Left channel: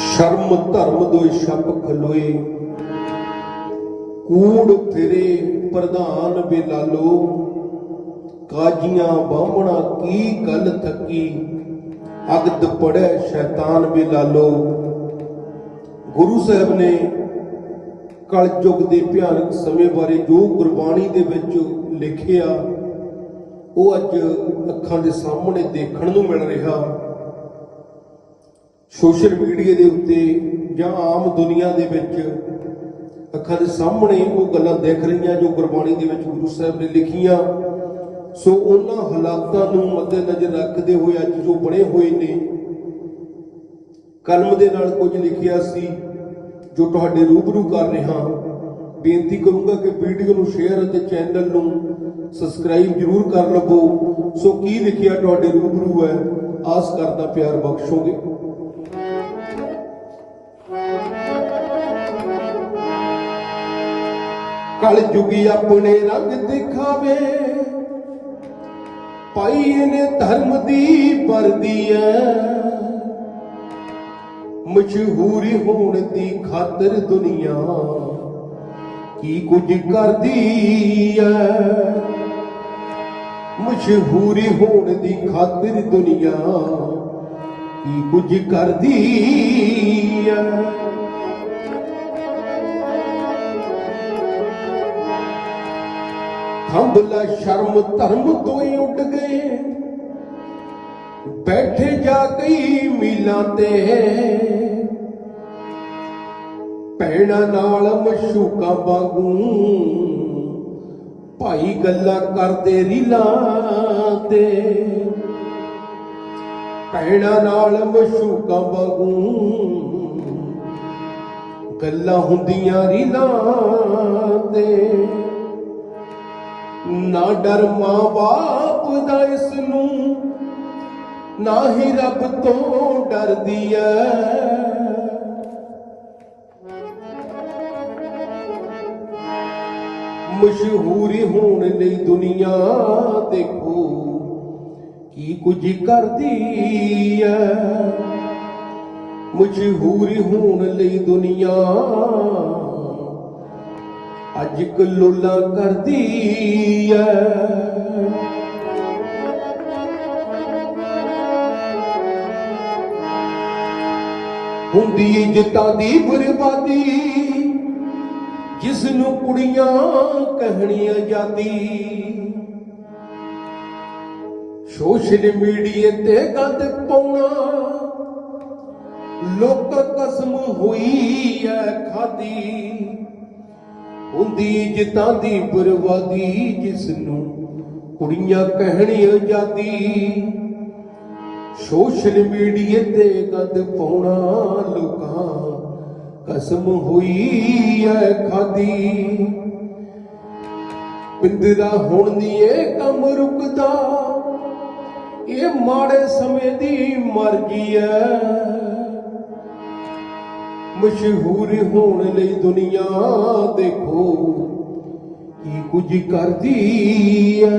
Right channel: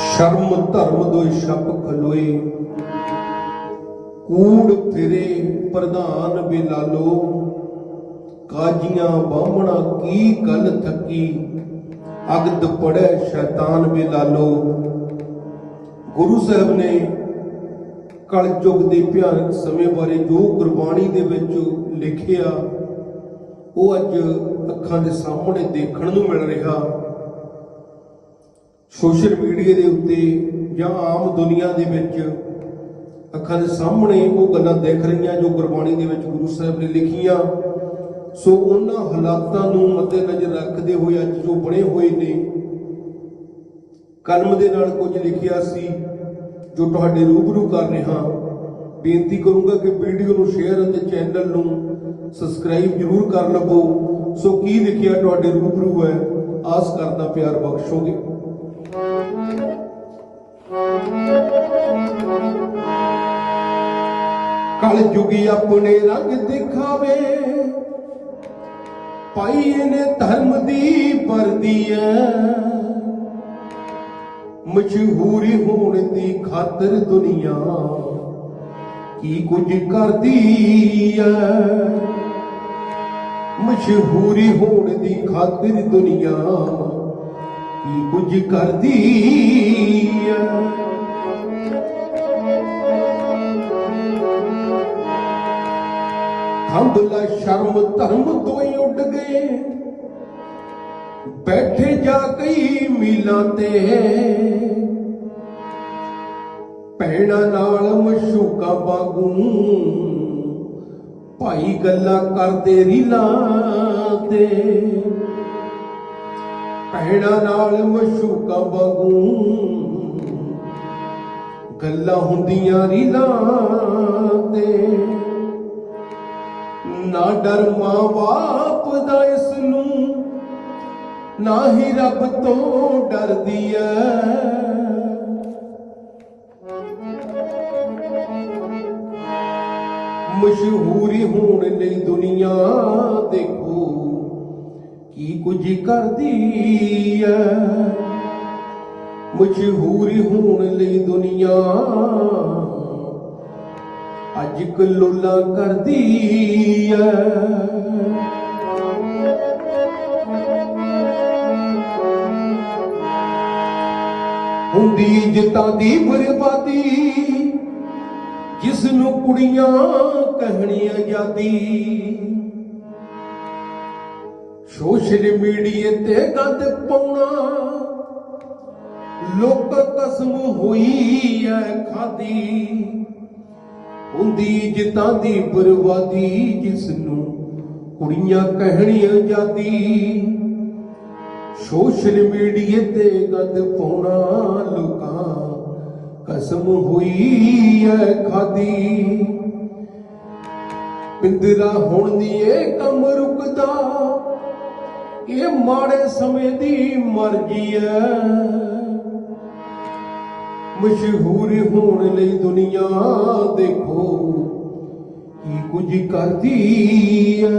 ਸ਼ਰਮ ਧਰਮ ਦੋਇ ਛਪ ਖਲੋਏ। ਕੂੜ ਫਿਰੇ ਪ੍ਰਧਾਨ ਬਿਲਾਲੋ। ਕਾਜੀਆਂ ਬਾਹਮਣਾ ਕੀ ਗੱਲ ਥੱਕੀ? ਅਗਦ ਪੜੈ ਸ਼ੈਤਾਨ ਬਿਲਾਲੋ। ਗੁਰੂ ਸਾਹਿਬ ਨੇ ਕਲਯੁਗ ਦੇ ਭਿਆਨਕ ਸਮੇਂ ਬਾਰੇ ਜੋ ਗੁਰਬਾਣੀ ਦੇ ਵਿੱਚ ਲਿਖਿਆ ਉਹ ਅੱਜ ਅੱਖਾਂ ਦੇ ਸਾਹਮਣੇ ਦੇਖਣ ਨੂੰ ਮਿਲ ਰਿਹਾ। ਸੋਸ਼ਲ ਮੀਡੀਆ ਦੇ ਉੱਤੇ ਜਾਂ ਆਮ ਦੁਨੀਆ ਦੇ ਵਿੱਚ ਅੱਖਾਂ ਦੇ ਸਾਹਮਣੇ ਉਹ ਗੱਲਾਂ ਦੇਖ ਰਹੀਆਂ ਜੋ ਗੁਰਬਾਣੀ ਦੇ ਵਿੱਚ ਗੁਰੂ ਸਾਹਿਬ ਨੇ ਲਿਖੀਆਂ। ਸੋ ਉਹਨਾਂ ਹਾਲਾਤਾਂ ਨੂੰ ਮੱਦੇਨਜ਼ਰ ਰੱਖਦੇ ਹੋਏ ਅੱਜ ਜੋ ਬਣੇ ਹੋਏ ਨੇ, ਕਲਮ ਦੇ ਨਾਲ ਕੁਝ ਲਿਖਿਆ ਸੀ ਜੋ ਤੁਹਾਡੇ ਰੂਬਰੂ ਕਰ ਰਿਹਾ। ਬੇਨਤੀ ਕਰੂੰਗਾ ਕਿ ਵੀਡੀਓ ਨੂੰ ਸ਼ੇਅਰ ਅਤੇ ਚੈਨਲ ਨੂੰ ਸਬਸਕ੍ਰਾਈਬ ਜ਼ਰੂਰ ਕਰ ਲਵੋ। ਸੋ ਕੀ ਲਿਖਿਆ ਤੁਹਾਡੇ ਰੂਬਰੂ ਹੈ, ਆਸ ਕਰਦਾ ਪਿਆਰ ਬਖਸ਼ੋਗੇ। ਕਲ ਜੁਗੀ ਆਪਣੇ ਰੰਗ ਦਿਖਾਵੇ। ਪਾਈ ਇਹਨੇ ਧਰਮ ਦੀ ਵਰਦੀ ਐ ਮਸ਼ਹੂਰੀ ਹੋਣ ਦੀ ਖਾਤਰ ਦੁਨੀਆ ਕੀ ਕੁਝ ਕਰਦੀ ਐ ਮਸ਼ਹੂਰੀ ਹੋਣ ਦੀ ਖਾਤਰ ਦੁਨੀਆ ਕੀ ਕੁਝ ਕਰਦੀ ਐ ਖੰਭਲਾ ਸ਼ਰਮ ਧਰਮ ਤੋਂ ਹੀ ਉੱਡ ਗਏ। ਬੈਠੇ ਜਾ ਕਈ ਮੀਲਾਂ ਤੇ। ਪੈਣਾ ਨਾਲ ਮਸ਼ੂਕਾਂ ਵਾਂਗੂ ਭਾਈ ਗੱਲਾਂ ਕਰਦੇ ਰੀਲਾਂ ਤੇ ਪੈਣਾ ਨਾਲ ਮਸ਼ੂਕਾਂ ਵਾਂਗੂ ਗੱਲਾਂ ਹੁੰਦੀਆਂ ਰੀਲਾਂ ਤੇ ਨਾ ਡਰ ਮਾਂ ਬਾਪ ਦਾ ਇਸ ਨੂੰ, ਨਾ ਹੀ ਰੱਬ ਤੋਂ ਡਰਦੀ ਐ। ਮਸ਼ਹੂਰੀ ਹੋਣ ਲਈ ਦੁਨੀਆ ਦੇਖੋ, ਕੀ ਕੁਝ ਕਰਦੀ ਐ? ਮਸ਼ਹੂਰੀ ਹੋਣ ਲਈ ਦੁਨੀਆ ਅੱਜ ਕਲੋਲਾ ਕਰਦੀ ਐ। ਹੁੰਦੀ ਇੱਜ਼ਤਾਂ ਦੀ ਬਰਬਾਦੀ ਜਿਸ ਨੂੰ ਕੁੜੀਆਂ ਕਹਿਣੀਆਂ ਆਜ਼ਾਦੀ ਸੋਸ਼ਲ ਮੀਡੀਏ ਤੇ ਗੱਦ ਪਾਉਣਾ, ਲੋਕ ਕਸਮ ਹੋਈ ਐ ਖਾਦੀ। ਹੁੰਦੀ ਇੱਜ਼ਤਾਂ ਦੀ ਬਰਬਾਦੀ ਜਿਸ ਨੂੰ ਕੁੜੀਆਂ ਕਹਿਣੀਆਂ ਆਜ਼ਾਦੀ ਸੋਸ਼ਲ ਮੀਡੀਏ ਤੇ ਗੱਦ ਪਾਉਣਾ ਕਸਮ ਹੋਈ ਐ ਖਾਦੀ। ਪਿੰਦਰਾ ਹੁਣ ਨੀ ਇਹ ਕੰਮ ਰੁਕਦਾ। ਇਹ ਮਾੜੇ ਸਮੇਂ ਦੀ ਮਰਜ਼ੀ ਐ। ਮਸ਼ਹੂਰ ਹੋਣ ਲਈ ਦੁਨੀਆ ਦੇਖੋ ਕੀ ਕੁਝ ਕਰਦੀ ਐ।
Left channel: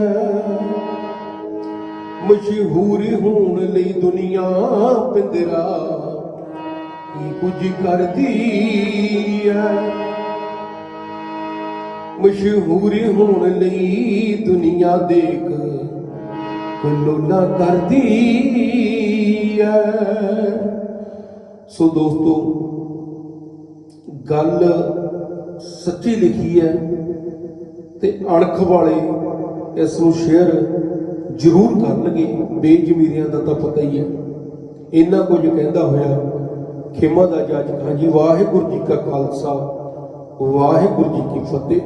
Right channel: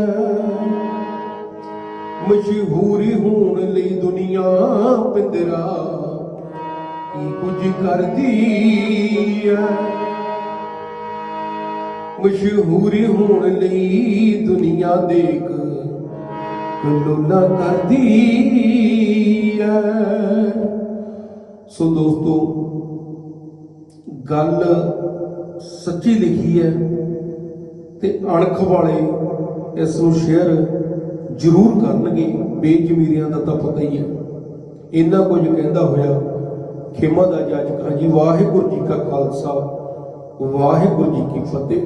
ਮਸ਼ਹੂਰ ਹੋਣ ਲਈ ਦੁਨੀਆ ਪਿੰਦਰਾ ਕੁਝ ਕਰਦੀ ਐ। ਮਸ਼ਹੂਰ ਹੋਣ ਲਈ ਦੁਨੀਆ ਦੇਖ ਕਲੋਲਾ ਕਰਦੀ ਐ। ਸੋ ਦੋਸਤੋ, ਗੱਲ ਸੱਚੀ ਲਿਖੀ ਹੈ ਤੇ ਅਣਖ ਵਾਲੇ ਇਸ ਨੂੰ ਸ਼ੇਅਰ ਜ਼ਰੂਰ ਕਰਨਗੇ, ਬੇਜ਼ਮੀਰਿਆਂ ਦਾ ਤਾਂ ਪਤਾ ਹੀ ਹੈ ਇੰਨਾ ਕੁਝ ਕਹਿੰਦਾ ਹੋਇਆ ਖਿਮਾ ਦਾ ਜੱਜ ਖਾਂ ਜੀ ਵਾਹਿਗੁਰੂ ਜੀ ਕਾ ਖਾਲਸਾ ਵਾਹਿਗੁਰੂ ਜੀ ਕੀ ਫਤਿਹ।